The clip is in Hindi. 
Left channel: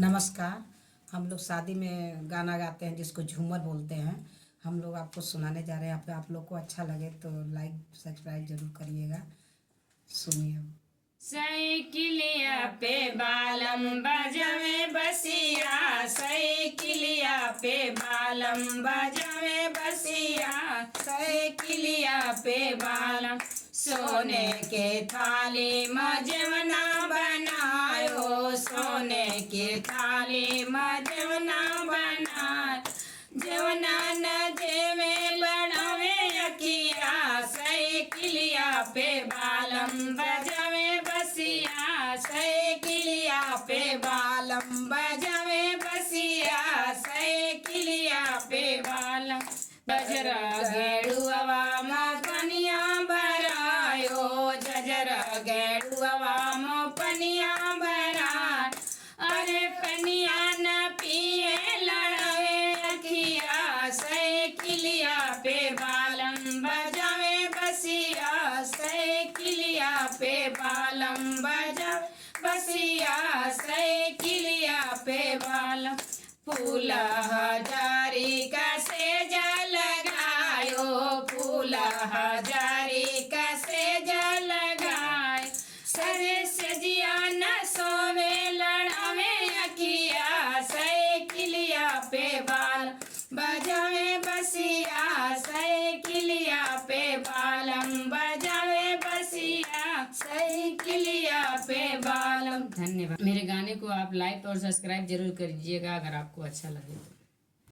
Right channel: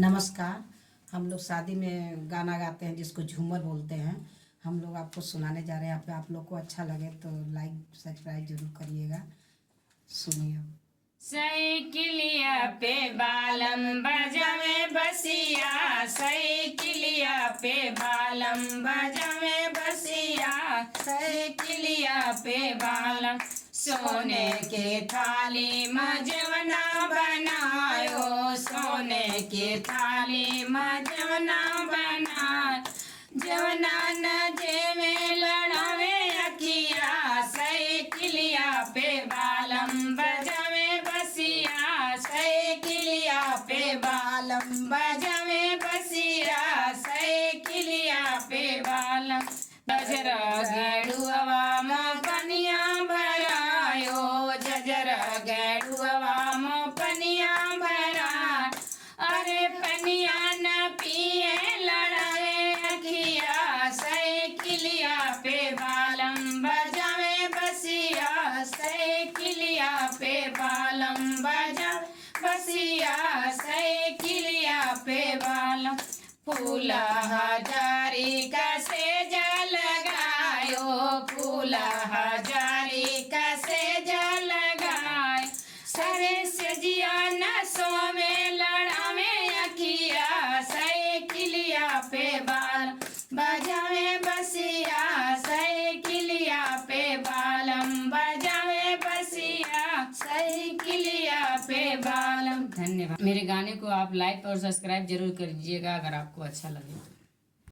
नमस्कार। हम लोग शादी में गाना गाते हैं जिसको झूमर बोलते हैं। हम लोग आपको सुनाने जा रहे हैं। आप लोग को अच्छा लगे तो लाइक सब्सक्राइब जरूर करिएगा। सुनिए। साइकिलिया पे बालम बजावे बसिया, साइकिलिया पे बालम बजावे बसिया, साइकिलिया पे बालम। सोने के थाली में जवना बनायो, सोने के थाली में जवना बनाय, जवना नजे में लड़ावे अखिया, साइकिलिया पे बालम बजावे बसिया, साइकिलिया पे बालम बजावे बसिया, साइकिलिया पे बालम। जजरा गेड़ुआ में पनिया भरायो, जजरा गेड़ुआ में पनिया भराय, अरे पनिया न पिए लड़ाए अखिया, साइकिलिया पे बालम बजावे बसिया, साइकिलिया पे बालम बजावे बसिया, साइकिलिया पे बालम। फूला हजारी का सेजा लगायो, फूला हजारी का सेजा लगाय, सरे सजिया न सोवे लड़ावे अखिया, साइकिलिया पे बालम बजावे बसिया, साइकिलिया पे बालम बजावे बसिया, साइकिलिया पे बालम। धन्यवाद। मेरे गाने को आप लाइक और सब्सक्राइब जरूर करिएगा अगर आपको अच्छा लगे तो।